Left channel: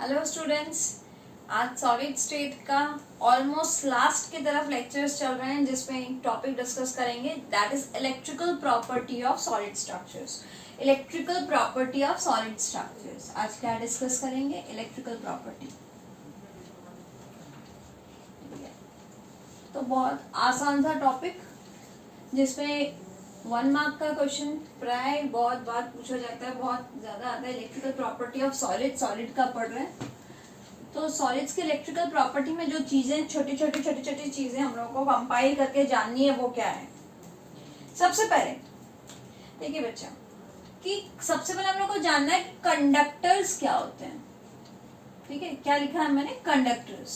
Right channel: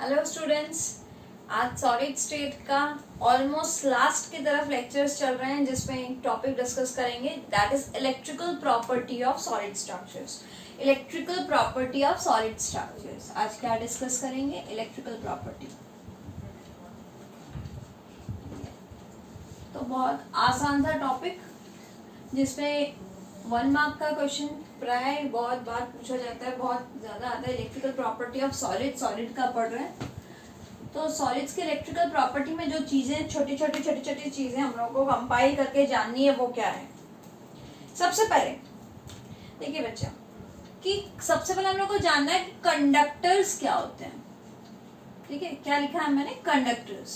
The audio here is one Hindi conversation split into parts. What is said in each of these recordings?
हेलो स्टूडेंट्स, आज सॉलिड स्टेट का ऑलमोस्ट लास्ट की तरफ लेक्चर्स चल रहे हैं जिसमें एक टॉपिक डिस्कस करेंगे that is electrical property of solid structures. Electrical property of solid structures आज क्या डिस्कस करेंगे? Electrical property. तो बहुत आसान सा टॉपिक जिसमें 1 मार्क का क्वेश्चन प्राय बहुत बार पूछा जाता है, बहुत ज्यादा आता है। इलेक्ट्रिकल प्रॉपर्टी ऑफ सॉलिड का पढ़ रहे हैं तो सॉलिड्स के इलेक्ट्रिकल प्रॉपर्टी में जो चीजें छोटी छोटी चीजें हम लोगों को कंपाइल करके जाननी है वो क्या है। सबसे पहले देखिए बच्चा कि सबसे पहले हम लोग को जानना है कि कंडक्टर्स क्या होते हैं। ठीक है, क्या लिखा है मैंने? कंडक्टर्स।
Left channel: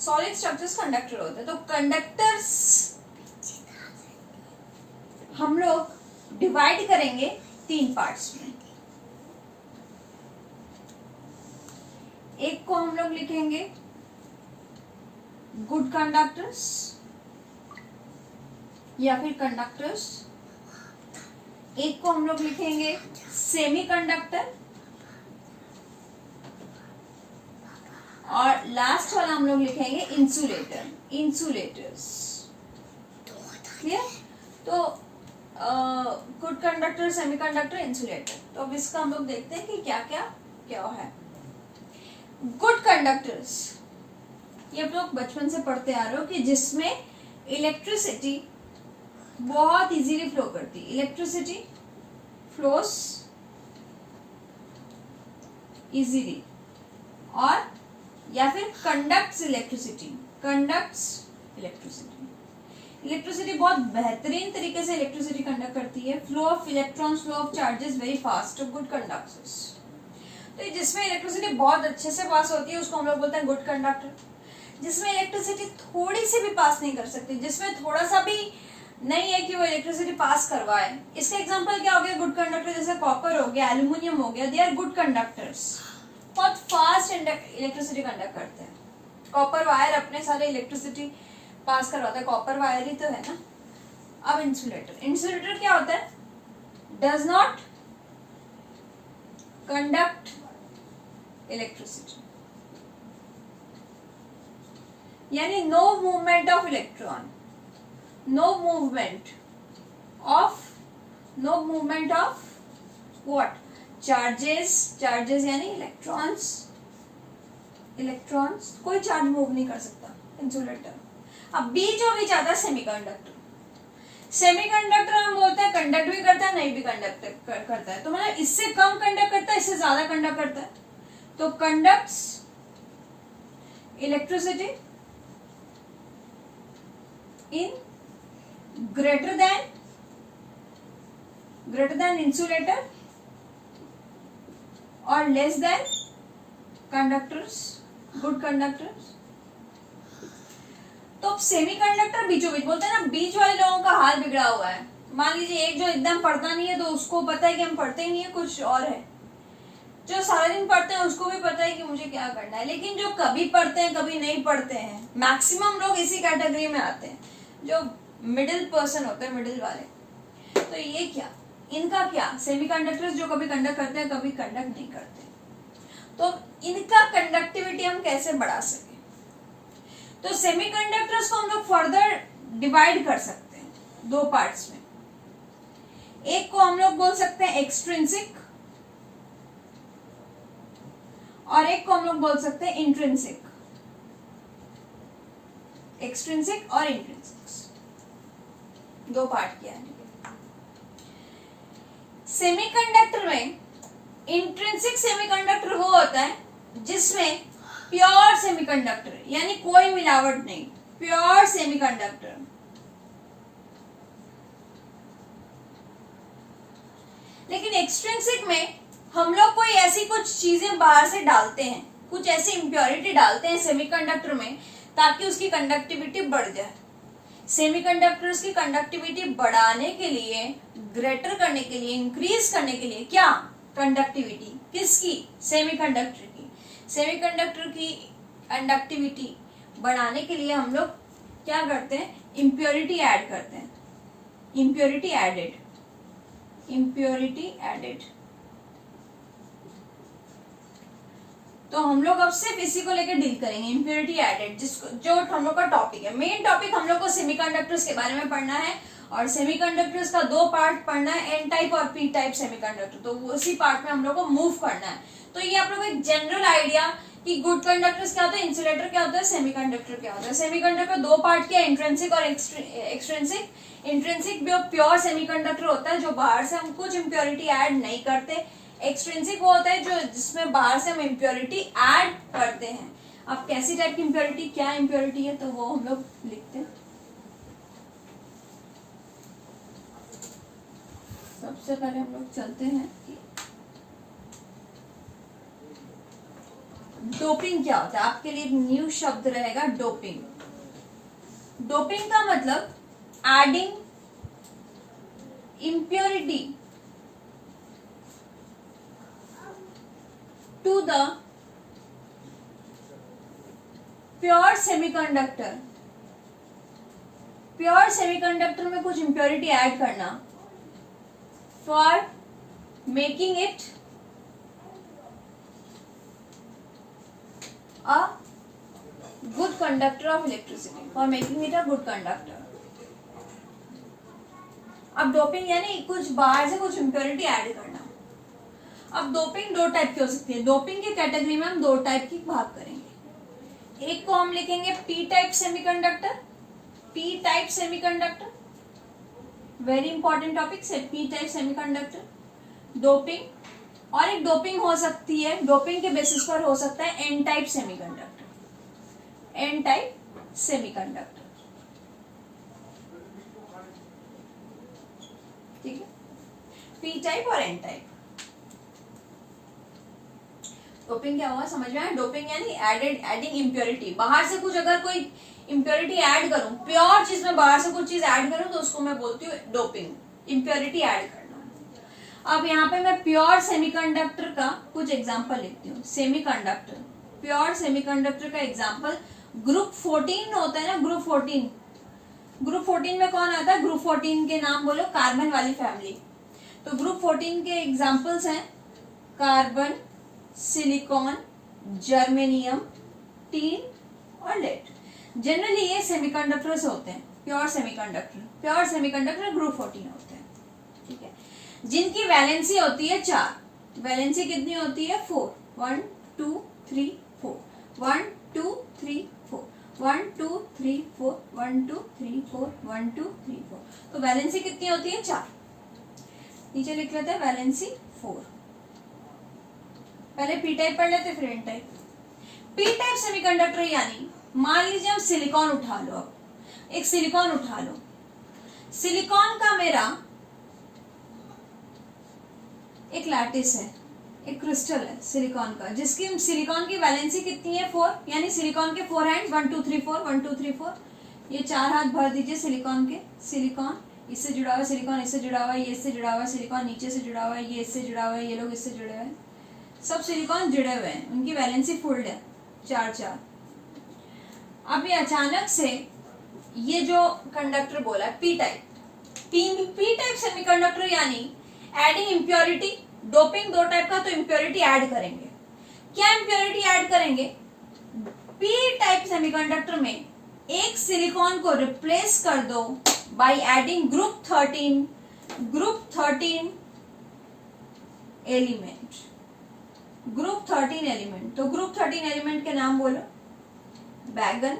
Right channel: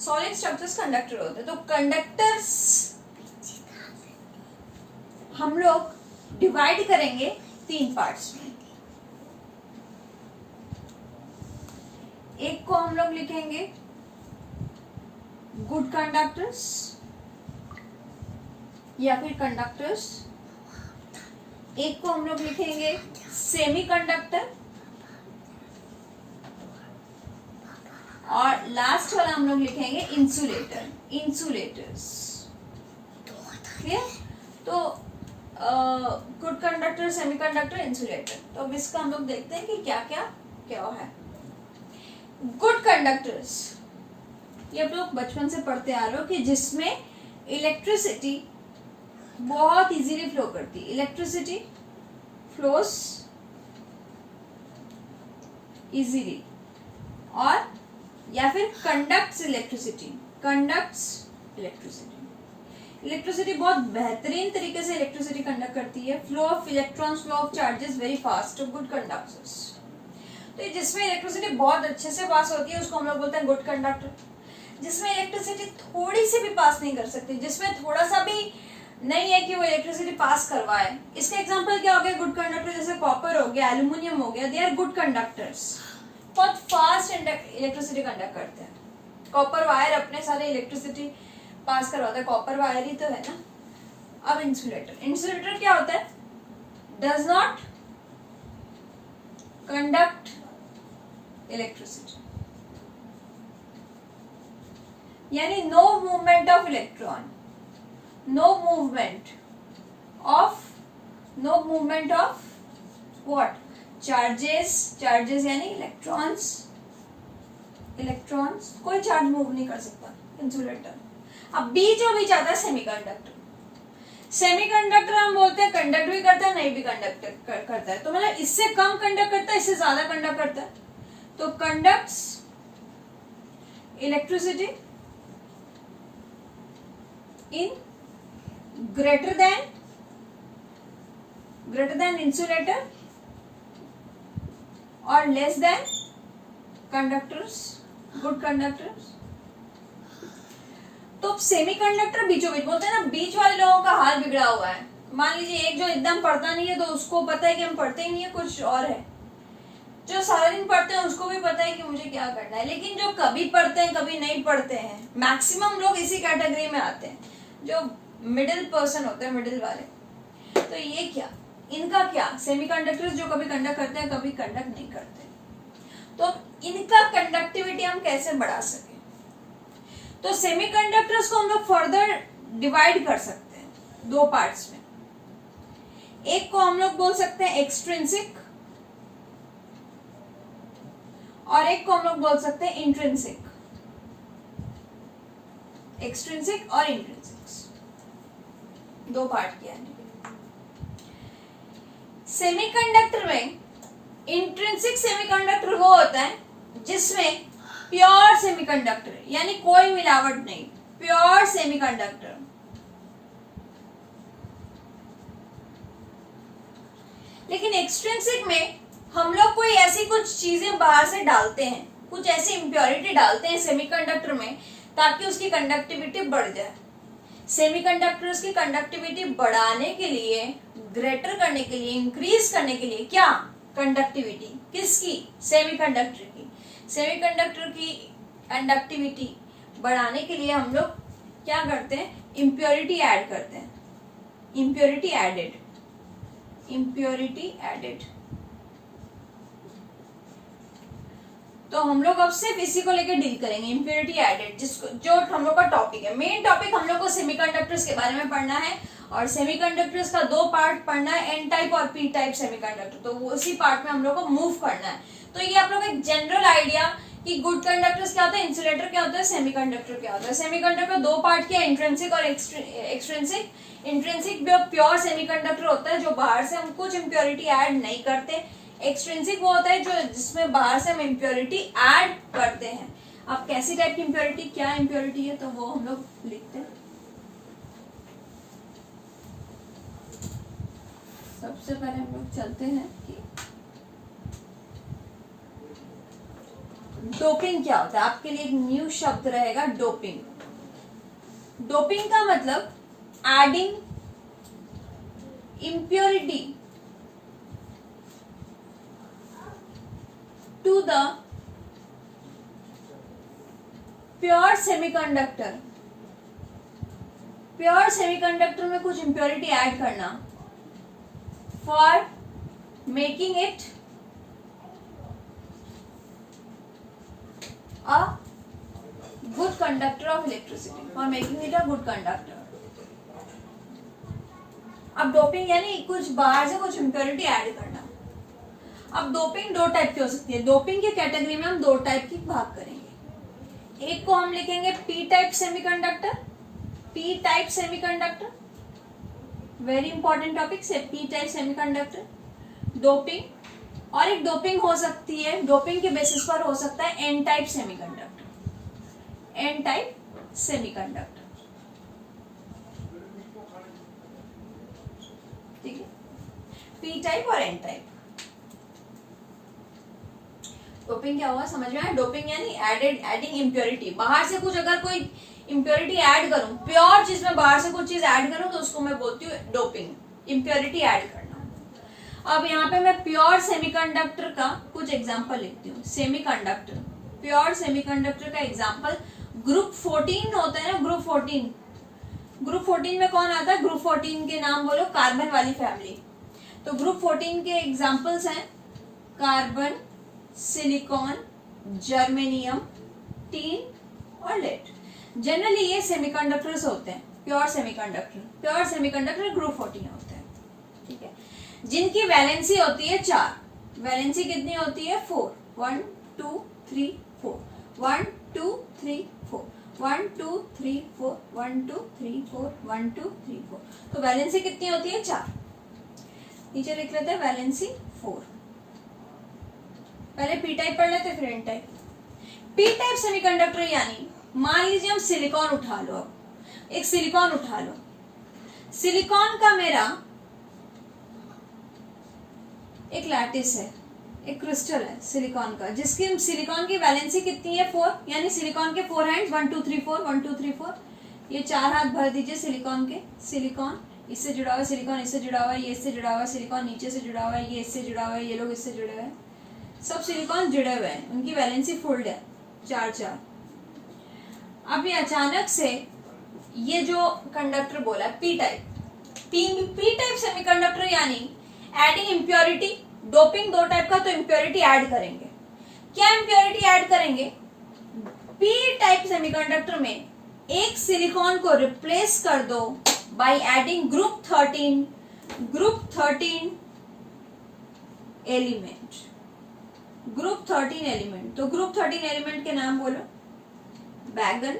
सॉलिड स्ट्रक्चर्स कंडक्टर होते हैं। तो कंडक्टर्स हम लोग डिवाइड करेंगे 3 पार्ट्स में। एक को हम लोग लिखेंगे गुड कंडक्टर्स या फिर कंडक्टर्स। एक को हम लोग लिखेंगे सेमी कंडक्टर और लास्ट वाला हम लोग लिखेंगे इंसुलेटर्स। क्लियर? तो good conductor, semi conductor, insulator. तो अब इसका हम लोग देखते हैं कि क्या क्या है। गुड कंडक्टर्स ये आप लोग बचपन से पढ़ते आ रहे हो कि जिसमें इलेक्ट्रिसिटी बहुत इजीली फ्लो करती है। इलेक्ट्रिसिटी फ्लोस इजीली, और या फिर कंडक्ट्स इलेक्ट्रिसिटी। इलेक्ट्रिसिटी बहुत बेहतरीन तरीके से इलेक्ट्रिसिटी कंडक्ट करती है। Flow of electrons, flow of charges very fast. Good conductors तो जिसमें इलेक्ट्रिसिटी बहुत अच्छे से पास होती है उसको हम लोग बोलते हैं गुड कंडक्टर। जिसमें इलेक्ट्रिसिटी थोड़ी सी भी पास नहीं कर सकती, जिसमें थोड़ा सा भी नहीं है कि वो इलेक्ट्रिसिटी पास करवाए। इसका एग्जांपल क्या हो गया? गुड कंडक्टर जैसे कॉपर हो गया, एल्यूमिनियम हो गया, दे आर गुड कंडक्टर्स। बहुत फास्ट इलेक्ट्रिसिटी कंडक्ट करते हैं। कॉपर वायर अपने सारे इलेक्ट्रिसिटी पास करवाता है, कॉपर वायर ही तो है ना। अब इंसुलेटर क्या होता है? डज नॉट कंडक्ट इलेक्ट्रिसिटी, यानी no movement of electron, no movement of what? Charges यानी इलेक्ट्रॉन्स कोई चार्ज मूव नहीं कर सकता इंसुलेटर। अब बीचों बीच आता है सेमीकंडक्टर हम बोलते हैं कंडक्ट भी करता है, नहीं भी कंडक्ट करता है। तो मतलब इससे कम कंडक्ट करता है, इससे ज्यादा कंडक्ट करता है। तो conducts electricity in greater than insulator और less than conductors, good conductors. तो सेमी कंडक्टर बीचों बीच बोलते हैं ना। बीच वाले लोगों का हाल बिगड़ा हुआ है। मान लीजिए एक जो एकदम पढ़ता नहीं है तो उसको पता है कि हम पढ़ते ही नहीं है, कुछ और है। जो सारा दिन पढ़ते हैं उसको भी पता है कि मुझे क्या करना है, लेकिन जो कभी पढ़ते हैं कभी नहीं पढ़ते हैं, मैक्सिमम लोग इसी कैटेगरी में आते हैं, जो मिडिल पर्सन होते हैं, मिडिल वाले। तो ये क्या, इनका क्या? सेमीकंडक्टर्स जो कभी कंडक्ट करते हैं कभी कंडक्ट नहीं करते। तो इनका कंडक्टिविटी हम कैसे बढ़ा सके? तो सेमीकंडक्टर्स को हम लोग फर्दर डिवाइड कर सकते हैं 2 पार्ट्स में। एक को हम लोग बोल सकते हैं एक्सट्रिंसिक और एक को हम लोग बोल सकते हैं इंट्रिंसिक। एक्सट्रिंसिक और इंट्रिंसिक 2 पार्ट किया है। सेमीकंडक्टर में इंट्रिंसिक सेमीकंडक्टर वो होता है जिसमें प्योर सेमीकंडक्टर यानी कोई मिलावट नहीं, प्योर सेमीकंडक्टर। लेकिन एक्सट्रिंसिक में हम लोग कोई ऐसी कुछ चीजें बाहर से डालते हैं, कुछ ऐसी इम्प्योरिटी डालते हैं सेमीकंडक्टर में ताकि उसकी कंडक्टिविटी बढ़ जाए। सेमीकंडक्टर्स की कंडक्टिविटी बढ़ाने के लिए, ग्रेटर करने के लिए, इंक्रीज करने के लिए क्या? कंडक्टिविटी किसकी? सेमीकंडक्टर की। सेमीकंडक्टर की कंडक्टिविटी बढ़ाने के लिए हम लोग क्या करते हैं? इम्प्योरिटी ऐड करते हैं। impurity added तो हम लोग अब सिर्फ इसी को लेके डील करेंगे, इम्प्योरिटी एडेड, जिसको जो हम लोग का टॉपिक है। मेन टॉपिक हम लोग को सेमीकंडक्टर्स के बारे में पढ़ना है, और सेमीकंडक्टर्स का 2 पार्ट पढ़ना है, एन टाइप और पी टाइप सेमीकंडक्टर। तो उसी पार्ट में हम लोग को मूव करना है। तो ये आप लोग एक जनरल आइडिया कि गुड कंडक्टर्स क्या होता है, इंसुलेटर क्या होता है, सेमीकंडक्टर क्या होता है। सेमीकंडक्टर 2 पार्ट के, इंट्रिंसिक और एक्सट्रिंसिक। इंट्रिंसिक जो प्योर सेमीकंडक्टर होता है, जो बाहर से हम कुछ इम्प्योरिटी ऐड नहीं करते। एक्सट्रिंसिक वो होता है जो जिसमें बाहर से हम इम्प्योरिटी ऐड करते हैं। अब कैसी टाइप की इम्प्योरिटी, क्या इम्प्योरिटी है, तो वो हम लोग लिखते हैं। सबसे पहले हम लोग चलते हैं कि डोपिंग क्या होता है। आपके लिए एक न्यू शब्द रहेगा, डोपिंग। डोपिंग का मतलब adding impurity to the pure semiconductor. Pure semiconductor में कुछ इम्प्योरिटी ऐड करना for making it a good conductor of electricity, for making it a good conductor। अब डोपिंग यानी कुछ बाहर से कुछ इम्प्योरिटी ऐड करना। अब डोपिंग 2 टाइप की हो सकती है। डोपिंग की कैटेगरी में हम 2 टाइप की भाग करेंगे। एक को हम लिखेंगे P type semiconductor. P type semiconductor very important topic से, पी टाइप सेमीकंडक्टर डोपिंग। और एक डोपिंग हो सकती है, डोपिंग के बेसिस पर हो सकता है N type semiconductor. N type semiconductor, ठीक है, पी टाइप और एन टाइप। डोपिंग क्या हुआ समझ में आया? डोपिंग यानी एडिंग इम्प्योरिटी। बाहर से कुछ अगर कोई इम्प्योरिटी ऐड करूं, प्योर चीज में बाहर से कुछ चीज ऐड करूं, तो उसको मैं बोलती हूँ डोपिंग, इम्प्योरिटी ऐड करना। अब यहाँ पे मैं प्योर सेमीकंडक्टर का कुछ एग्जांपल लिखती हूँ। सेमीकंडक्टर, प्योर सेमीकंडक्टर का एग्जांपल ग्रुप 14 होता है ना, ग्रुप 14। ग्रुप 14 में कौन आता है? ग्रुप 14 के नाम बोलो, कार्बन वाली फैमिली। तो ग्रुप 14 के एग्जांपल्स हैं कार्बन, सिलिकॉन, जर्मेनियम, टीन और लेड। जनरली ये सेमीकंडक्टर्स होते हैं, pure semiconductor. Pure semiconductor group 14 होते हैं, ठीक है, जिनकी वैलेंसी होती है 4। वैलेंसी कितनी होती है? 4। 1 2 3 4, 1 2 3 4, 1 2 3 4, 1 2 3 4, 1 2 3 4। तो वैलेंसी कितनी होती है? 4। नीचे लिख लेते हैं वैलेंसी 4। पहले पी टाइप पढ़ लेते, फिर N type. P type semiconductor यानी मान लीजिए हम सिलिकॉन उठा लो। अब एक सिलिकॉन उठा लो। सिलिकॉन का मेरा एक लैटिस है, एक क्रिस्टल है सिलिकॉन का, जिसकी सिलिकॉन की वैलेंसी कितनी है? 4। यानी सिलिकॉन के 4 हैंड्स, 1 2 3 4, 1 2 3 4। ये 4 हाथ भर दीजिए सिलिकॉन के। सिलिकॉन इससे जुड़ा हुआ, सिलिकॉन इससे जुड़ा हुआ है, ये इससे जुड़ा हुआ है, सिलिकॉन नीचे से जुड़ा हुआ है, ये इससे जुड़ा हुआ है, ये लोग इससे जुड़े हुए हैं, सब सिलिकॉन जुड़े हुए हैं, उनकी वैलेंसी फुल है 4 4। अब ये अचानक से ये जो कंडक्टर बोला है P type, P type semiconductor यानी एडिंग इम्प्योरिटी। डोपिंग 2 टाइप का, तो इम्प्योरिटी ऐड करेंगे। क्या इम्प्योरिटी ऐड करेंगे? पी टाइप सेमीकंडक्टर में एक सिलिकॉन को रिप्लेस कर दो by adding group 13 element. Group 13 element, तो ग्रुप 13 एलिमेंट के नाम बोलो। बैगन,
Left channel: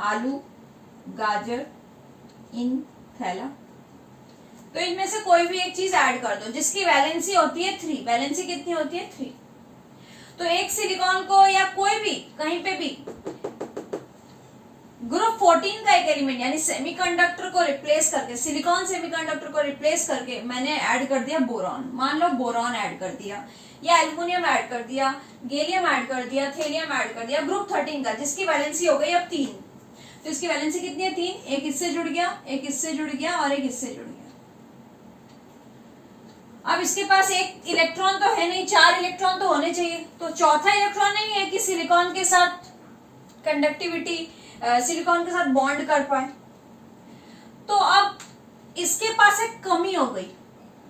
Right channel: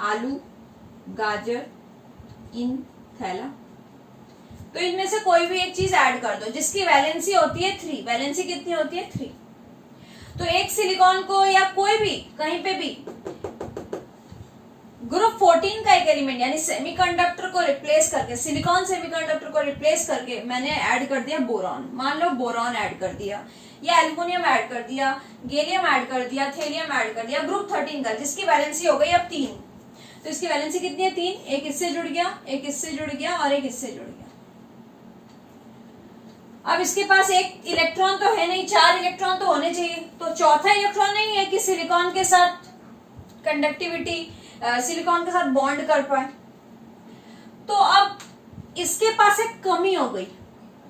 आलू, गाजर, इन, थैला। तो इनमें से कोई भी एक चीज ऐड कर दो जिसकी वैलेंसी होती है 3। वैलेंसी कितनी होती है? 3। तो एक सिलिकॉन को या कोई भी कहीं पे भी ग्रुप 14 का एक एलिमेंट यानी सेमीकंडक्टर को रिप्लेस करके, सिलिकॉन सेमीकंडक्टर को रिप्लेस करके मैंने ऐड कर दिया बोरॉन। मान लो बोरॉन ऐड कर दिया, या एल्युमिनियम ऐड कर दिया, गैलियम ऐड कर दिया, थेलियम ऐड कर दिया ग्रुप 13 का, जिसकी वैलेंसी हो गई अब 3। तो इसकी वैलेंसी कितनी है? 3। एक इससे जुड़ गया, एक इससे जुड़ गया और एक इससे जुड़ गया। अब इसके पास एक इलेक्ट्रॉन तो है नहीं, 4 इलेक्ट्रॉन तो होने चाहिए। तो चौथा इलेक्ट्रॉन नहीं है कि सिलिकॉन के साथ कंडक्टिविटी, सिलिकॉन के साथ बॉन्ड कर पाए। तो अब इसके पास एक कमी हो गई।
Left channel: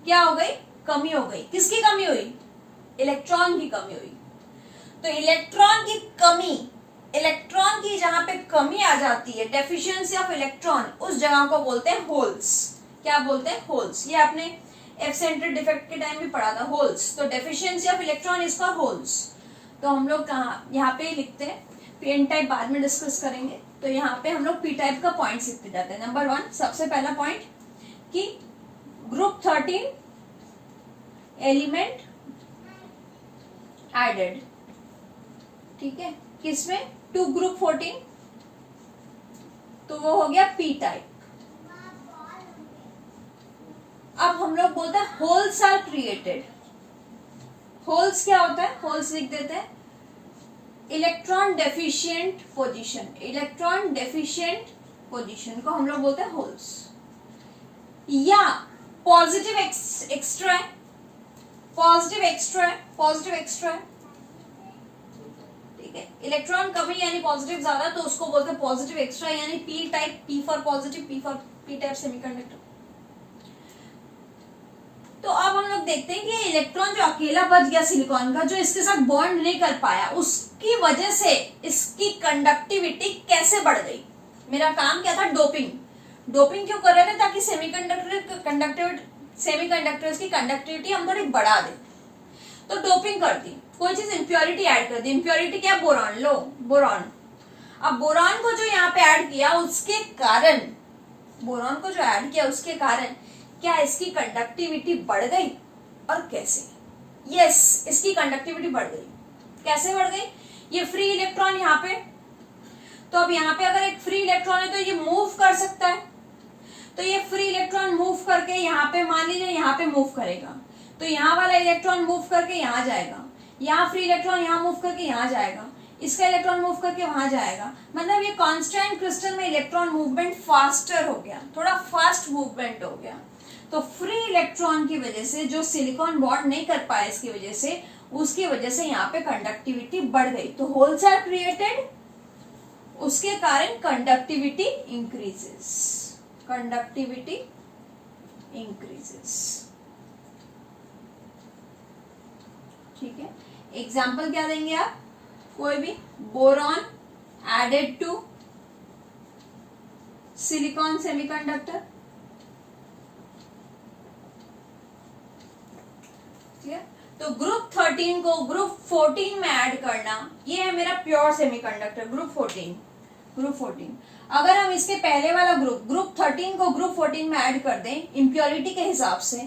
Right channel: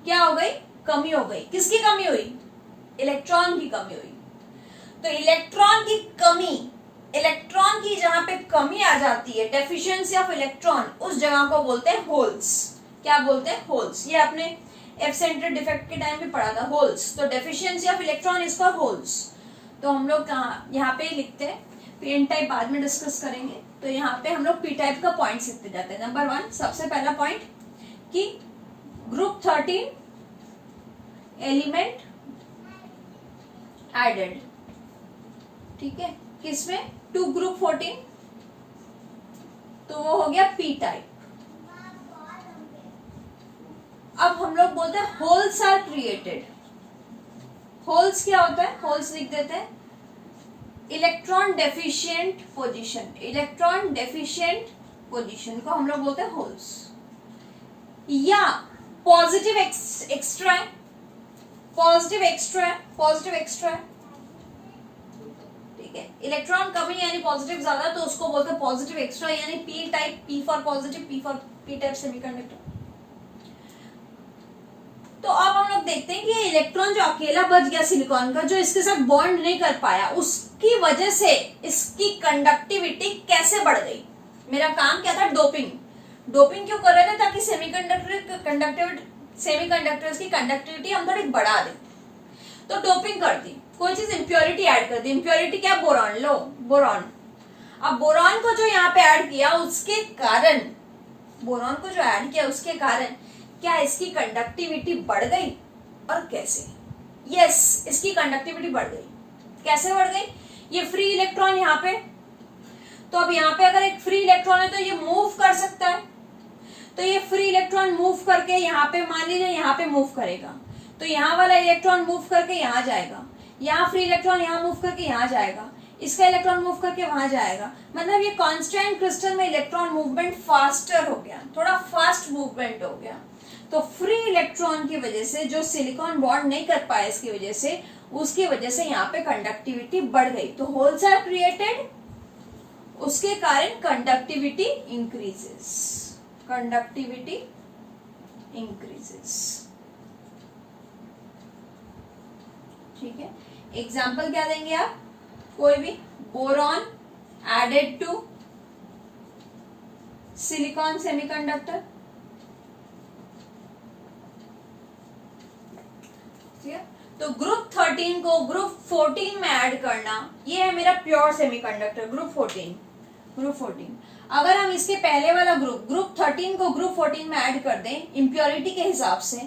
क्या हो गई? कमी हो गई। किसकी कमी हुई? इलेक्ट्रॉन की कमी हुई। तो इलेक्ट्रॉन की कमी, इलेक्ट्रॉन की जहां पे कमी आ जाती है, डेफिशिएंसी ऑफ इलेक्ट्रॉन, उस जगह को बोलते हैं होल्स। क्या बोलते हैं? होल्स। ये आपने एफ सेंटर डिफेक्ट के टाइम भी पढ़ा था, होल्स। तो deficiency of electron is called holes. तो हम लोग यहाँ पे लिखते हैं, फिर एन टाइप बाद में डिस्कस करेंगे। तो यहाँ पे हम लोग पी टाइप का पॉइंट लिखते जाते हैं। नंबर 1, सबसे पहला पॉइंट कि ग्रुप 13 एलिमेंट एडेड, ठीक है, किसमें? टू ग्रुप 14, तो वो हो गया पी टाइप। अब हम लोग बोलते हैं होल्स आर क्रिएटेड। होल्स क्या होता है? होल्स लिख देते हैं electron deficient position. Electron deficient position को हम लोग बोलते हैं होल्स। या पॉजिटिव एक्स्ट्रा है, पॉजिटिव एक्स्ट्रा है, पॉजिटिव एक्स्ट्रा है, ठीक है। इलेक्ट्रॉन कमी यानी पॉजिटिव ज्यादा, तो उसको बोलते हैं पॉजिटिव एक्स्ट्रा, यानी P type, P for positive, P type semiconductor. तो अब हम लोग देखते हैं कि ये इलेक्ट्रॉन जो अकेला बच गया सिलिकॉन का, जो इसके साथ बॉन्ड नहीं कर पाया, उसकी वजह से इसकी कंडक्टिविटी कैसे बढ़ गई। मेरा काम क्या था? डोपिंग। डोपिंग क्यों कर रहे थे? ताकि सेमीकंडक्टर्स की कंडक्टिविटी हम थोड़ी बढ़ा दें। तो डोपिंग कर दी, कोई चीज इंप्योरिटी ऐड कर दी। इंप्योरिटी क्या? बोरॉन। लो बोरॉन। अब बोरॉन को जो यहाँ पे ऐड किया, उसके कारण, बोरॉन को जो ऐड किया उसके कारण क्या इसकी कंडक्टिविटी बढ़ गई? और कैसे? यस, इसकी कंडक्टिविटी बढ़ गई। कैसे बढ़ गई? ये फ्री इलेक्ट्रॉन यहाँ पे, तो अब यहाँ पे अगर एक फ्री इलेक्ट्रॉन है तो ये मूव कर सकता है। तो ये फ्री इलेक्ट्रॉन मूव करके यहाँ पे, मान लीजिए यहाँ पे मूव करेगा, तो यहाँ वाला इलेक्ट्रॉन मूव करके यहाँ जाएगा, यहाँ फ्री इलेक्ट्रॉन यहाँ मूव करके यहाँ जाएगा, इसका इलेक्ट्रॉन मूव करके वहां जाएगा। मतलब ये कांस्टेंट क्रिस्टल में इलेक्ट्रॉन मूवमेंट फास्टर हो गया, थोड़ा फास्ट मूवमेंट हो गया। तो फ्री इलेक्ट्रॉन की वजह से, जो सिलिकॉन बॉन्ड नहीं कर पाया इसकी वजह से, उसकी वजह से यहाँ पे कंडक्टिविटी बढ़ गई। तो होल्स आर क्रिएटेड, उसके कारण कंडक्टिविटी इंक्रीजेस, कंडक्टिविटी इंक्रीजेस, ठीक है। एग्जाम्पल क्या देंगे आप? कोई भी। Boron added to silicon semiconductor, तो ग्रुप 13 को ग्रुप 14 में ऐड करना, ये है मेरा प्योर सेमीकंडक्टर ग्रुप 14। ग्रुप 14 अगर हम इसके पहले वाला ग्रुप 13 को ग्रुप 14 में ऐड कर दें इम्प्योरिटी के हिसाब से,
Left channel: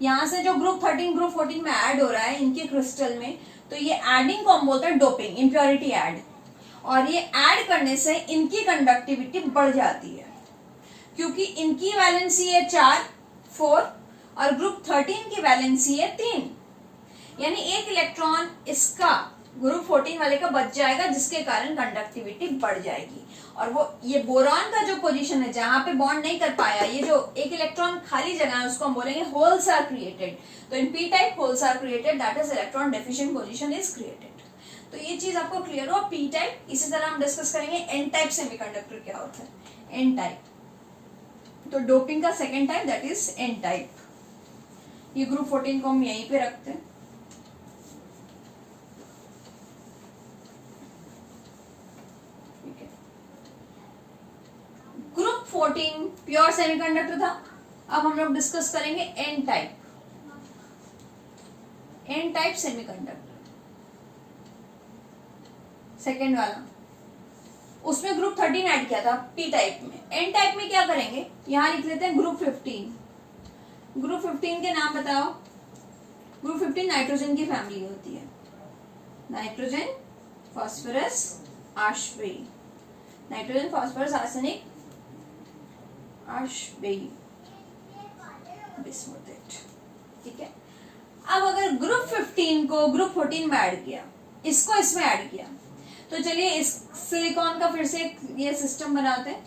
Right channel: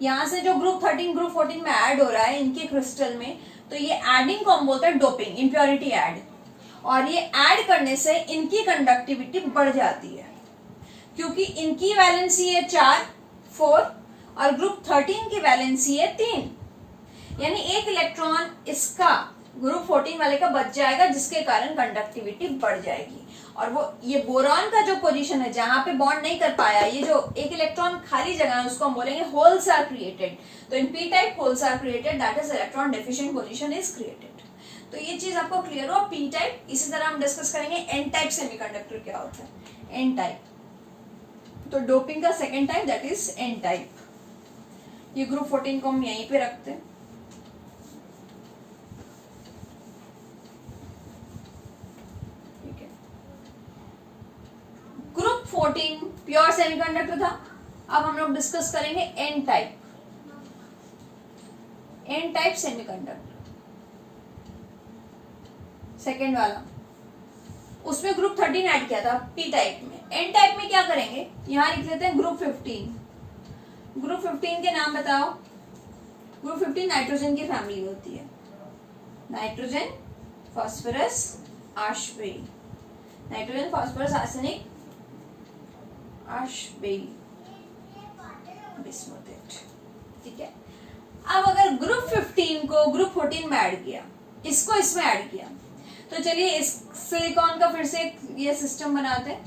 यहां से जो ग्रुप 13 ग्रुप 14 में ऐड हो रहा है इनके क्रिस्टल में, तो ये एडिंग को हम बोलते हैं डोपिंग, इम्प्योरिटी ऐड। और ये ऐड करने से इनकी कंडक्टिविटी बढ़ जाती है, क्योंकि इनकी वैलेंसी है 4 और ग्रुप 13 की वैलेंसी है 3, यानी एक इलेक्ट्रॉन इसका ग्रुप 14 वाले का बच जाएगा, जिसके कारण कंडक्टिविटी बढ़ जाएगी। और वो ये बोरॉन का जो पोजीशन है जहां पे बॉन्ड नहीं कर पाया, ये जो एक इलेक्ट्रॉन खाली जगह है, उसको हम बोलेंगे होल्स आर क्रिएटेड। तो in P type holes are created, that is electron deficient position is created. तो ये चीज आपको क्लियर हो। पी टाइप, इसी तरह हम डिस्कस करेंगे एन टाइप सेमीकंडक्टर क्या होता है। एन टाइप, तो डोपिंग का second type that is an type. ये ग्रुप 14 को हम यहीं पे रखते हैं। ग्रुप 14 प्योर सेमीकंडक्टर था। अब हम लोग डिस्कस करेंगे N type, N type semiconductor second वाला। उसमें ग्रुप 13 ऐड किया था पी टाइप में। एन टाइप में क्या करेंगे, यहां लिख लेते हैं ग्रुप 15। ग्रुप 15 के नाम बताओ। ग्रुप 15 नाइट्रोजन की फैमिली होती है, nitrogen, phosphorus, arsenic, nitrogen, phosphorus, arsenic, bismuthate, ठीक है। अब अगर ग्रुप 15 को ग्रुप 14 में ऐड किया, इसको इसमें ऐड किया, तो चलिए इस सिलिकॉन का फिर से ये सिस्टम बनाते हैं।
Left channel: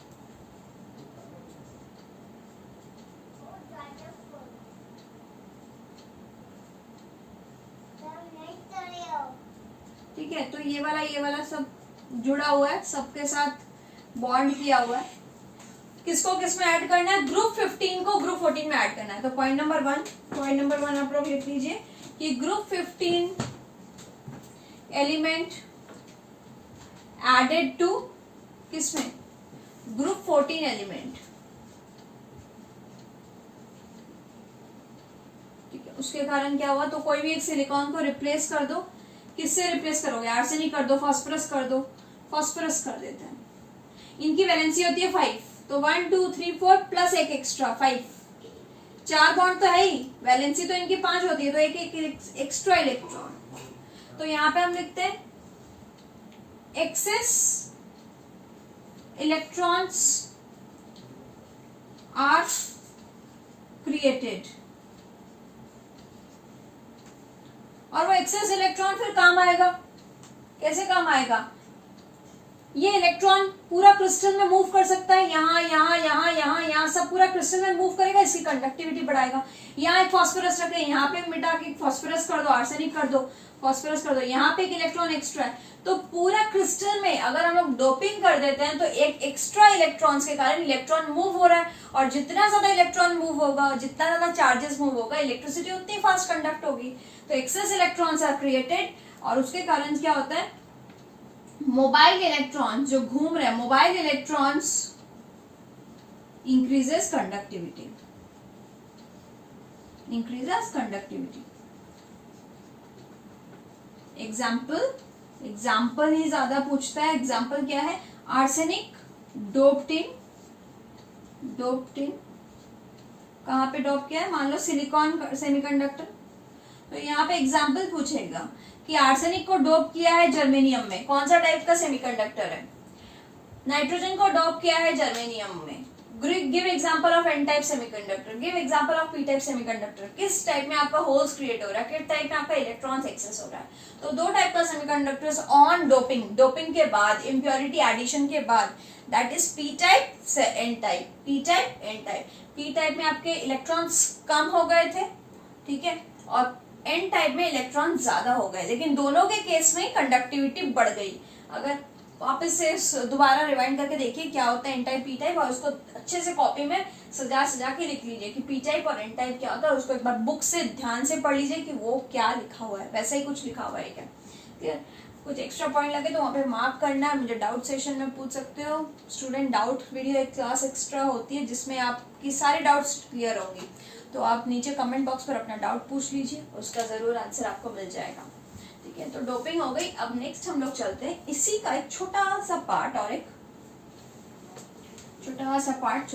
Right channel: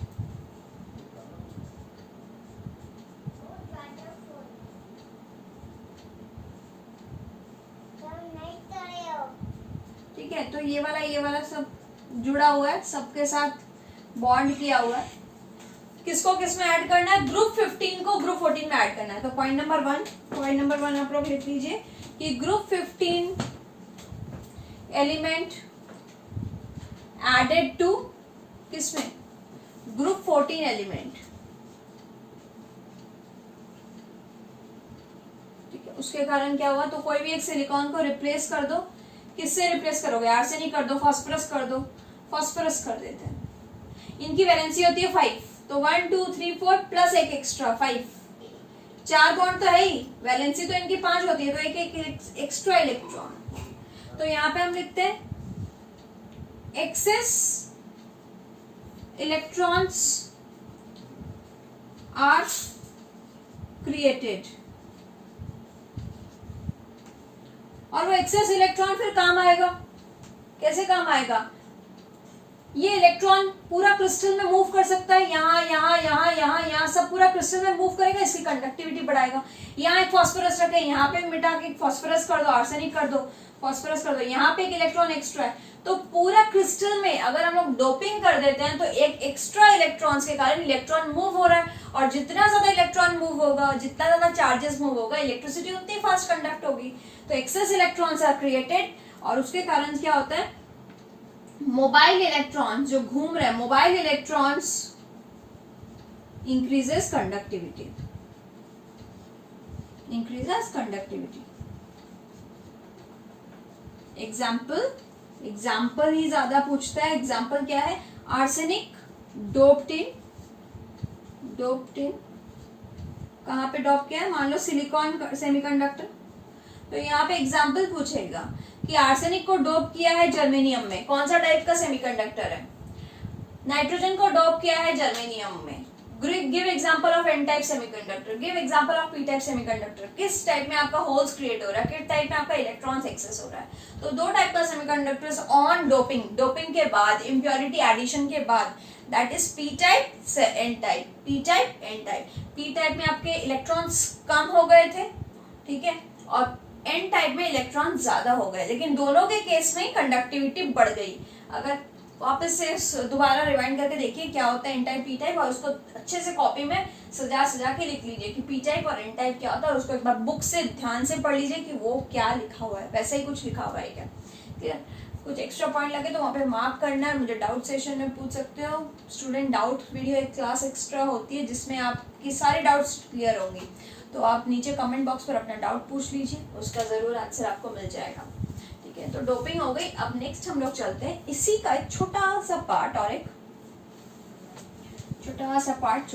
ठीक है, तो ये वाला सब जुड़ा हुआ है, सबके साथ बॉन्ड किया हुआ है। किसको किस में ऐड करना है? ग्रुप 15 को ग्रुप 14 में ऐड करना है। तो पॉइंट नंबर 1 आप लोग लिख लीजिए कि ग्रुप 15 एलिमेंट एडेड टू किसमें, ग्रुप 14 एलिमेंट। ठीक है, उसके कारण क्या हुआ, तो कोई भी एक सिलिकॉन को रिप्लेस कर दो, किससे रिप्लेस करोगे, आर्सेनिक कर दो, फास्फोरस कर दो, फास्फोरस कर देते हैं। इनकी वैलेंसी होती है 5, तो 1 2 3 4 प्लस एक एक्स्ट्रा 5, 4 बॉन्ड तो है ही, वैलेंसी तो इनकी 5 होती है, तो एक एक एक्स्ट्रा इलेक्ट्रॉन। तो यहां पे हम लिखते हैं एक्सेस इलेक्ट्रॉन्स आर क्रिएटेड। और वो एक्सेस इलेक्ट्रॉन फिर काम आएगा, कैसे काम आएगा, ये इलेक्ट्रॉन पूरा क्रिस्टल में मूव कर सकता है, यहाँ यहाँ यहाँ यहाँ यहाँ सब पूरा क्रिस्टल में मूव करेगा, इसकी कंडक्टिविटी बढ़ाएगा। यहाँ एक फास्फोरस रखे, यहाँ पे मिटा के फास्फोरस कर दो, आर्सेनिक कर दो, फास्फोरस कर दो, यहाँ पे एक इलेक्ट्रॉन एक्स्ट्रा है, तो पूरा क्रिस्टल में अगर हम लोग डोपिंग कर देते हैं तो एक एक्स्ट्रा इलेक्ट्रॉन्स के कारण इलेक्ट्रॉन मूव हो रहा है, और जितना ज्यादा इलेक्ट्रॉन मूव होगा, जितना ज्यादा चार्जेस मूव होगा, इलेक्ट्रिसिटी उतनी फास्ट कंडक्ट होगी। तो एक्सेस इलेक्ट्रॉन्स आर क्रिएटेड, और उसके कारण क्या होता है, मोबाइल इलेक्ट्रॉन्स जो घूम रहे हैं, mobile electrons increases conductivity, increases conductivity. Example ही ज्यादा पूछता है। एग्जाम्पल क्या है, आर्सेनिक डोप्ड इन कहां पे डोप किया है, मान लो सिलिकॉन सेमीकंडक्टर, तो यहाँ पे एग्जाम्पल पूछेगा कि आर्सेनिक को डोप किया है जर्मेनियम में, कौन सा टाइप का सेमीकंडक्टर है, नाइट्रोजन को डोप किया है जर्मेनियम में, give example of N type semiconductor, give example of P type semiconductor, किस टाइप में आपका होल्स क्रिएट हो रहा है, किस टाइप में आपका इलेक्ट्रॉन्स एक्सेस हो रहा है। तो दो टाइप का सेमीकंडक्टर्स ऑन डोपिंग, डोपिंग के बाद, इम्प्योरिटी एडिशन के बाद, that is P type N type, P type N type. P type में आपके इलेक्ट्रॉन्स कम हो गए थे, ठीक है, और एन टाइप में इलेक्ट्रॉन ज्यादा हो गए, लेकिन दोनों के केस में कंडक्टिविटी बढ़ गई। अगर वापस से दोबारा रिवाइंड करके देखिए क्या होता है एन टाइप पी टाइप, और उसको अच्छे से कॉपी में सजा के लिख लीजिए कि पी टाइप और एन टाइप क्या होता है, और उसको एक बार बुक से ध्यान से पढ़ लीजिए कि वो क्या लिखा हुआ है, वैसे ही कुछ लिखा हुआ है क्या, ठीक है। कुछ एक्स्ट्रा पॉइंट लगे तो वहाँ पे मार्क करना है, मुझे डाउट सेशन में पूछ सकते हो। स्टूडेंट डाउट वीडियो एक क्लास एक्स्ट्रा होती है जिसमें आपकी सारे डाउट्स क्लियर होंगी, तो आप नीचे कमेंट बॉक्स पर अपना डाउट पूछ लीजिए, उसका जरूर आंसर आपको मिल जाएगा, ठीक है। तो डोपिंग हो गई। अब नेक्स्ट हम लोग चलते हैं इसी का एक छोटा सा पार्ट, और एक छोटा सा part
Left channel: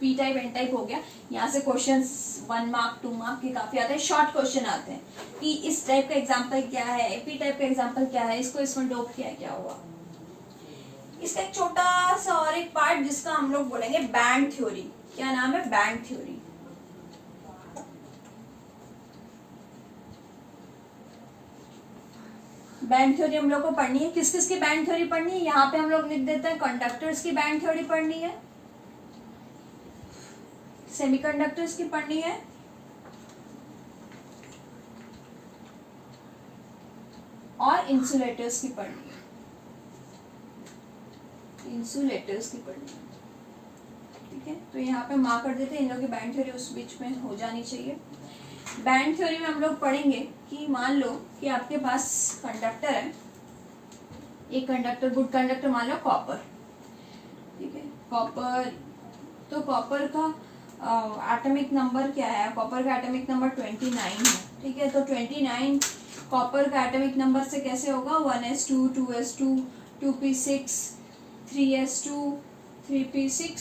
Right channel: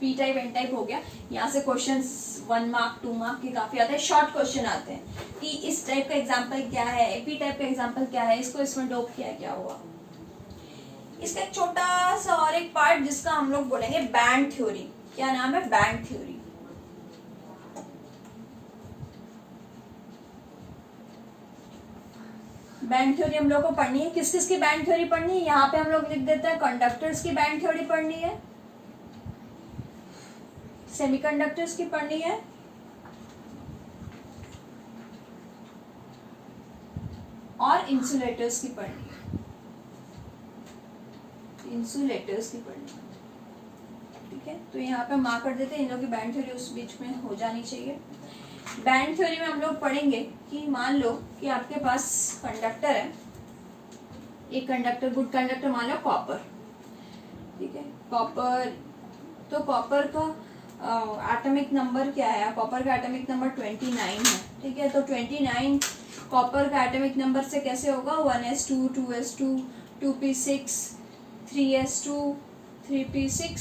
P type N type हो गया। यहाँ से क्वेश्चंस 1 मार्क 2 मार्क के काफी आते हैं, शॉर्ट क्वेश्चन आते हैं कि इस टाइप का एग्जांपल क्या है, पी टाइप का एग्जांपल क्या है, इसको इसमें डोप किया क्या हुआ। इसका एक छोटा सा और एक पार्ट जिसका हम लोग बोलेंगे बैंड थ्योरी। क्या नाम है, बैंड थ्योरी। बैंड थ्योरी हम लोग को पढ़नी है। किस किस की बैंड थ्योरी पढ़नी है, यहाँ पे हम लोग लिख देते हैं कंडक्टर्स की बैंड थ्योरी पढ़नी है, सेमीकंडक्टर्स की पढ़नी है, और इंसुलेटर्स की पढ़नी है, इंसुलेटर्स की पढ़नी है, ठीक है। तो यहाँ पे मार्क कर देते हैं, इन लोगों की बैंड थ्योरी उस बीच में हो जानी चाहिए। बैंड थ्योरी में हम लोग पढ़ेंगे कि मान लो कि आपके पास कंडक्टर है, एक कंडक्टर, गुड कंडक्टर मान लो कॉपर, ठीक है, कॉपर। तो कॉपर का एटॉमिक नंबर क्या है, कॉपर का एटॉमिक नंबर 29 है, ठीक है। तो 29 कॉपर का एटॉमिक नंबर से कैसे होगा, 1s2 2s2 2p6 3s2 3p6,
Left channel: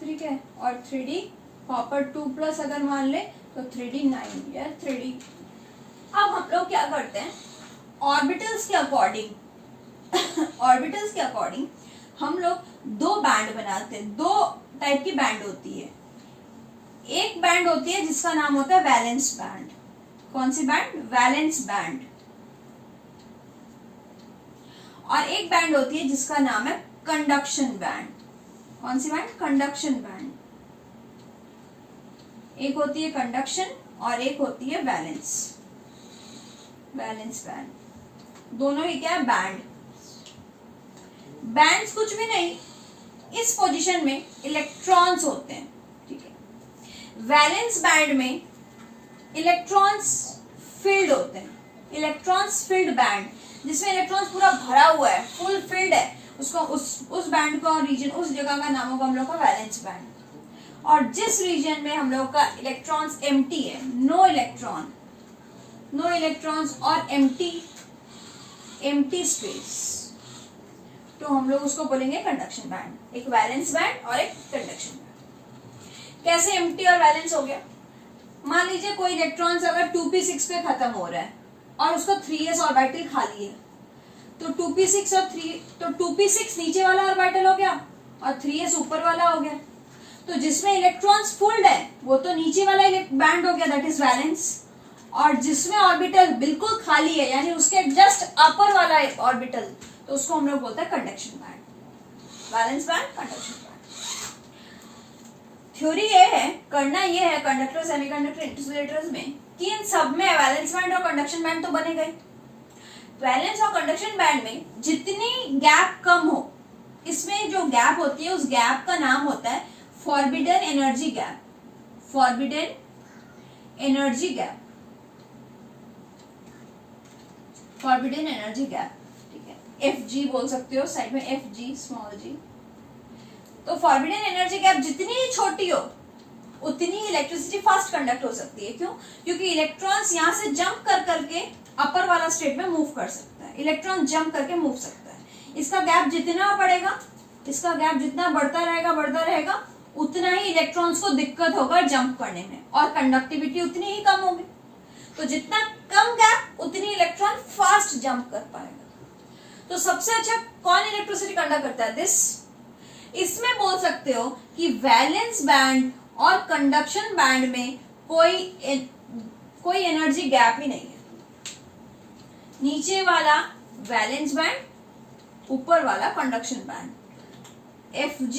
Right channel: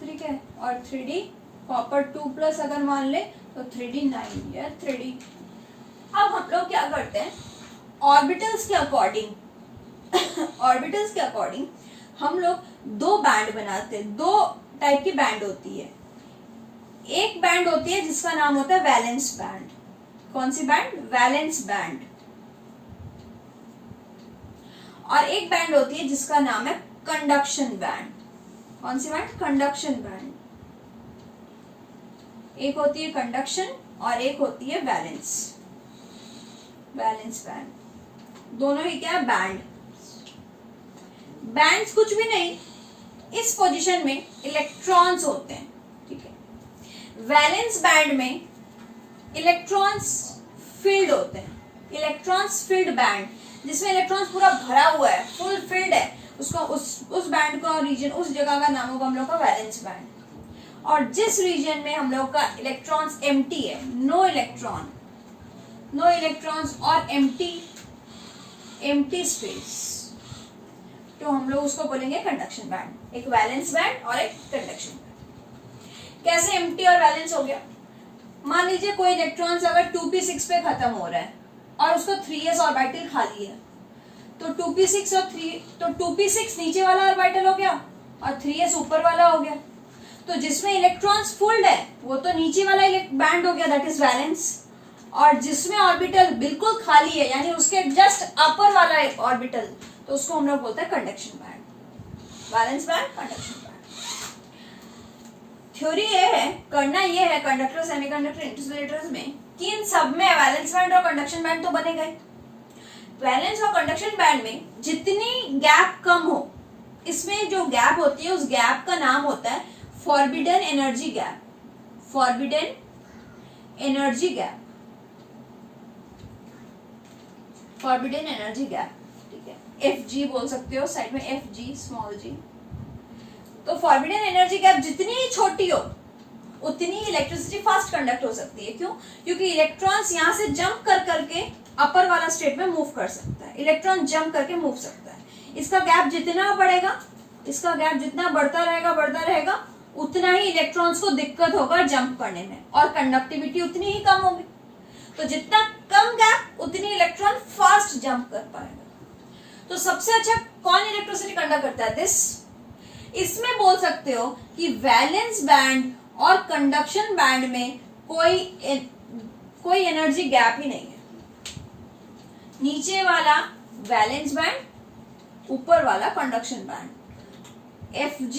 ठीक है, और 3d कॉपर 2+ अगर मान ले तो 3d 9 यार 3d। अब हम लोग क्या करते हैं, ऑर्बिटल्स के अकॉर्डिंग हम लोग दो बैंड बनाते हैं। दो टाइप की बैंड होती है, एक बैंड होती है जिसका नाम होता है वैलेंस बैंड। कौन सी बैंड, वैलेंस बैंड। और एक बैंड होती है जिसका नाम है कंडक्शन बैंड। कौन सी बैंड, कंडक्शन बैंड। एक होती है कंडक्शन और एक होती है वैलेंस बैंड। दोनों ही क्या है, बैंड। बैंड्स कुछ भी नहीं, इस पोजीशन में इलेक्ट्रॉन्स होते हैं, ठीक है। वैलेंस बैंड में इलेक्ट्रॉन्स फील्ड होते हैं, इलेक्ट्रॉन्स फिल्ड बैंड, जिसमें इलेक्ट्रॉन्स पूरा भरा हुआ है, फुल फिल्ड है, उसको उस बैंड का रीजन, उस जगह का नाम होगा हम लोग का वैलेंस बैंड। और जिस रीजन में हम लोग का इलेक्ट्रॉन्स एम्प्टी है, नो इलेक्ट्रॉन्स और एम्प्टी स्पेस, तो हम लोग उसको बोलेंगे कंडक्शन बैंड। एक वैलेंस बैंड और एक कंडक्शन बैंड। कैसे एम्प्टी और वैलेंस हो गया? मान लीजिए कोई इलेक्ट्रॉन्स अगर 2p6 पे खत्म हो रहा है और उसका 3s ऑर्बिटल खाली है, तो 2p6 और 3, तो 2p6 नीचे वाला ऑर्बिटल हो गया और 3s ऊपर वाला हो गया। तो जिसमें इलेक्ट्रॉन्स फुल्ड है वो तो नीचे वाला बैंड हो गया, दैट इज वैलेंस। और जिसमें ऑर्बिटल बिल्कुल खाली है, यानी उसके जस्ट अपर वाला ऑर्बिटल, तो उसको हम लोग बोलते हैं conduction band. Valence band, conduction band. Theory ये है, करना ये है कंडक्टर, सेमीकंडक्टर, इंसुलेटर्स में, कि इन सब में वैलेंस बैंड और कंडक्शन बैंड तो बने गए। वैलेंस और कंडक्शन बैंड में जितनी गैप कम हो, इसमें जो गैप होती है उस गैप का नाम होता है forbidden energy gap. Forbidden energy gap, forbidden energy gap, ठीक है, FG बोल सकते हो साइड में, FG स्मॉल g। तो फॉरबिडन एनर्जी गैप जितनी ही छोटी हो उतनी ही इलेक्ट्रिसिटी फास्ट कंडक्ट हो सकती है। क्यों? क्योंकि इलेक्ट्रॉन्स यहाँ से जंप कर करके अपर वाला स्टेट में मूव कर सकता है, इलेक्ट्रॉन जंप करके मूव सकता है। इसका गैप जितना बढ़ेगा, इसका गैप जितना बढ़ता रहेगा उतना ही इलेक्ट्रॉन्स को दिक्कत होगा जंप करने में, और कंडक्टिविटी उतनी ही कम होगी। तो जितना कम गैप उतनी इलेक्ट्रॉन फास्ट जंप कर पाएगा। तो सबसे अच्छा कौन इलेक्ट्रिसिटी कंडक्ट करता है? दिस। इसमें बोल सकते हो कि वैलेंस बैंड और कंडक्शन बैंड में कोई एनर्जी गैप ही नहीं है। नीचे वाला वैलेंस बैंड, ऊपर वाला conduction band. Fg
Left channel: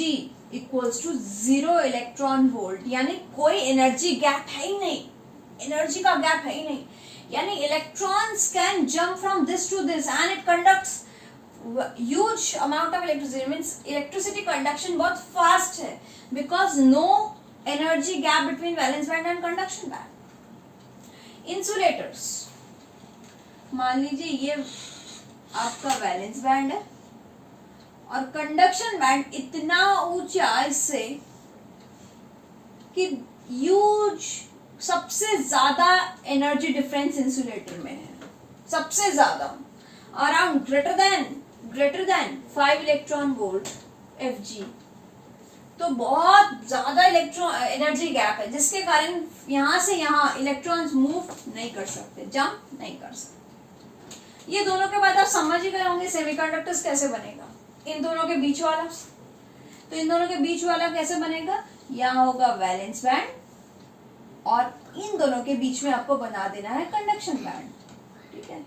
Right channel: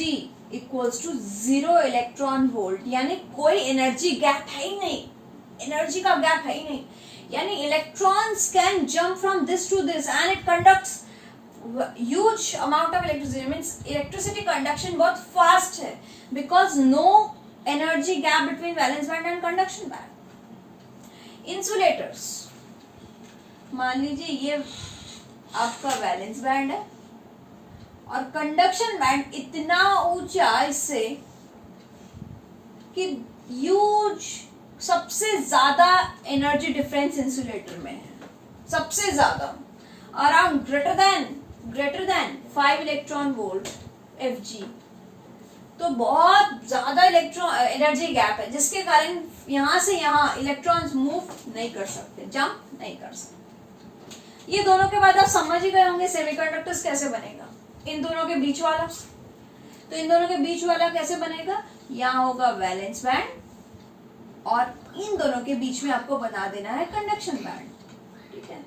equals to 0 electron volt, यानी कोई एनर्जी गैप है ही नहीं, एनर्जी का गैप है ही नहीं। यानी electrons can jump from this to this and it conducts huge amount of electricity, means electricity conduction बहुत fast है, because no energy gap between valence band and conduction band। Insulators, मान लीजिए ये आपका वैलेंस बैंड है और कंडक्शन बैंड इतना ऊंचा इससे कि ह्यूज, सबसे ज्यादा एनर्जी डिफरेंस इंसुलेटर में है, सबसे ज्यादा, around greater than 5 electron volt Fg। तो बहुत ज्यादा एनर्जी गैप है, जिसके कारण यहां से यहां इलेक्ट्रॉन्स मूव नहीं कर सकते, जंप नहीं कर सकते। ये दोनों के बाद आप समझ ही गए होंगे सेमीकंडक्टर्स कैसे बनेगा। इन दोनों के बीच वाला, तो इन दोनों के बीच वाला कैसे बनेगा? यहाँ होगा वैलेंस बैंड और इन दोनों के बीच में आपको बना देना है कंडक्शन बैंड, ठीक है।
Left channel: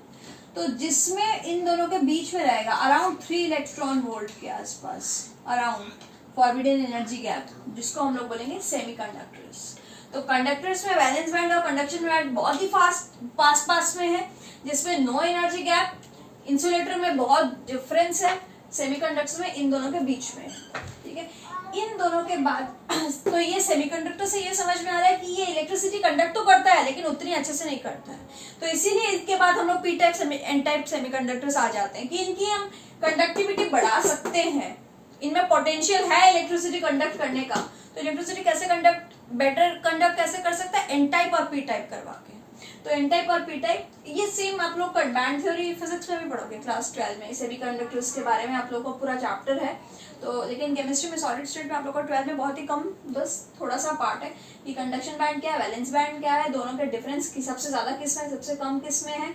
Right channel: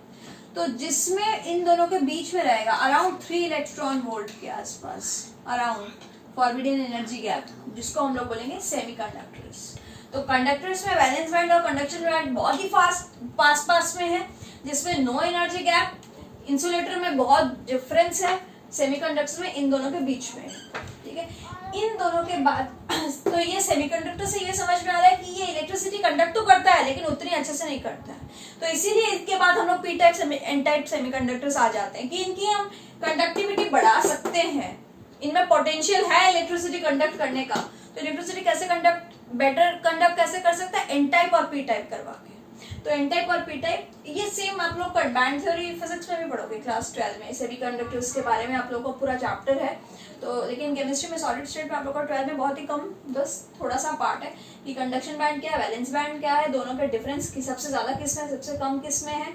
तो जिसमें इन दोनों के बीच में रहेगा अराउंड 3 इलेक्ट्रॉन वोल्ट के आसपास, अराउंड फॉरबिडन एनर्जी गैप, जिसको हम लोग बोलेंगे सेमीकंडक्टर्स। तो कंडक्टर्स में वैलेंस बैंड और कंडक्शन बैंड बहुत ही पास में है, जिसमें नो एनर्जी गैप। इंसुलेटर में बहुत डिफरेंस है, सेमीकंडक्टर्स में इन दोनों के बीच में, ठीक है। इन दोनों के बाद तो ये सेमीकंडक्टर से ये समझ में आ रहा है कि ये इलेक्ट्रिसिटी कंडक्ट तो करता है लेकिन उतनी अच्छे से नहीं करता है। तो इसीलिए इसके बाद हम लोग P type N type semiconductors आ जाते हैं कि इनकी हम कंडक्टिविटी बढ़ा सकते हैं, इनमें पोटेंशियल है इलेक्ट्रिसिटी कंडक्ट करने का। तो इलेक्ट्रिसिटी कैसे बेटर कंडक्ट कैसे कर सकता है? एन टाइप और पी टाइप करवा के। तो एन टाइप और पी टाइप ये सेम आप लोग बैंड थ्योरी फिजिक्स में भी पढ़ोगे क्लास 12 में, सेमीकंडक्टर्स के बारे में आप लोग को पूरा चैप्टर है। तो लेकिन केमिस्ट्री में सॉलिड स्टेट में आप लोग का 12 में बहुत ही कम, बस थोड़ा सा पार्ट है कि कंडक्शन बैंड क्या है, वैलेंस बैंड क्या है, दोनों के डिफरेंस की सबसे ज्यादा किस में, सबसे कम किस में है।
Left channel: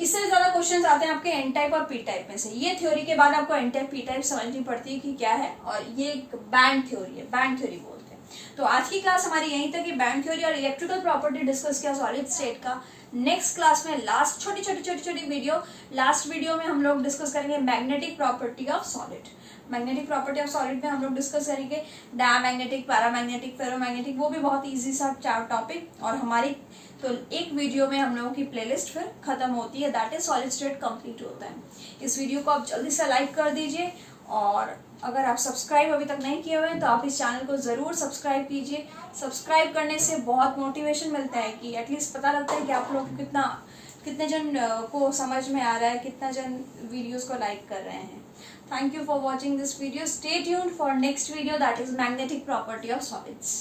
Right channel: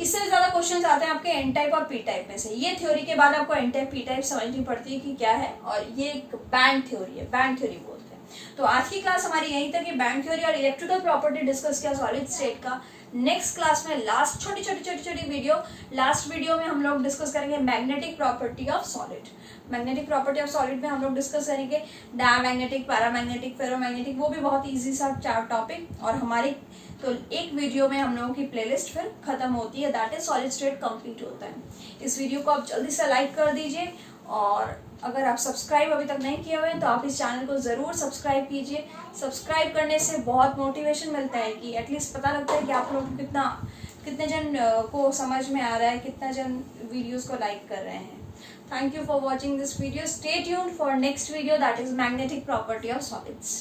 इससे ज्यादा क्वेश्चंस आते हैं आपके एन टाइप और पी टाइप में से। ये थ्योरी के बाद आपको एन टाइप पी टाइप समझनी पड़ती है कि क्या है, और ये बैंड थ्योरी है, बैंड थ्योरी बोलते हैं। तो आज की क्लास हमारी यहीं तक, बैंड थ्योरी और इलेक्ट्रिकल प्रॉपर्टी डिस्कस किया सॉलिड स्टेट का। नेक्स्ट क्लास में लास्ट छोटी वीडियो, लास्ट वीडियो में हम लोग डिस्कस करेंगे magnetic property of solid. Magnetic property of solid में हम लोग डिस्कस करेंगे डायमैग्नेटिक, पैरामैग्नेटिक, फेरोमैग्नेटिक, वो भी बहुत इजी सा टॉपिक। और हमारी तो एक वीडियो में हम लोगों की प्लेलिस्ट फिर खत्म होती है, that is solid state complete होता है। इस वीडियो को आप जल्दी से लाइक कर दीजिए, और अगर आप सब्सक्राइब अभी तक नहीं किए हुए हैं तो आप इस चैनल को जरूर सब्सक्राइब कीजिए। सब्सक्राइब करने से बहुत मोटिवेशन मिलता है कि एटलीस्ट पता लगता है कि आप लोग कितना कितने जन को समझ में आ रहा है, कितना जन वीडियोस को लाइक कर रहे हैं। Thank you for watching this video. Stay tuned for next video that is magnetic property of solids.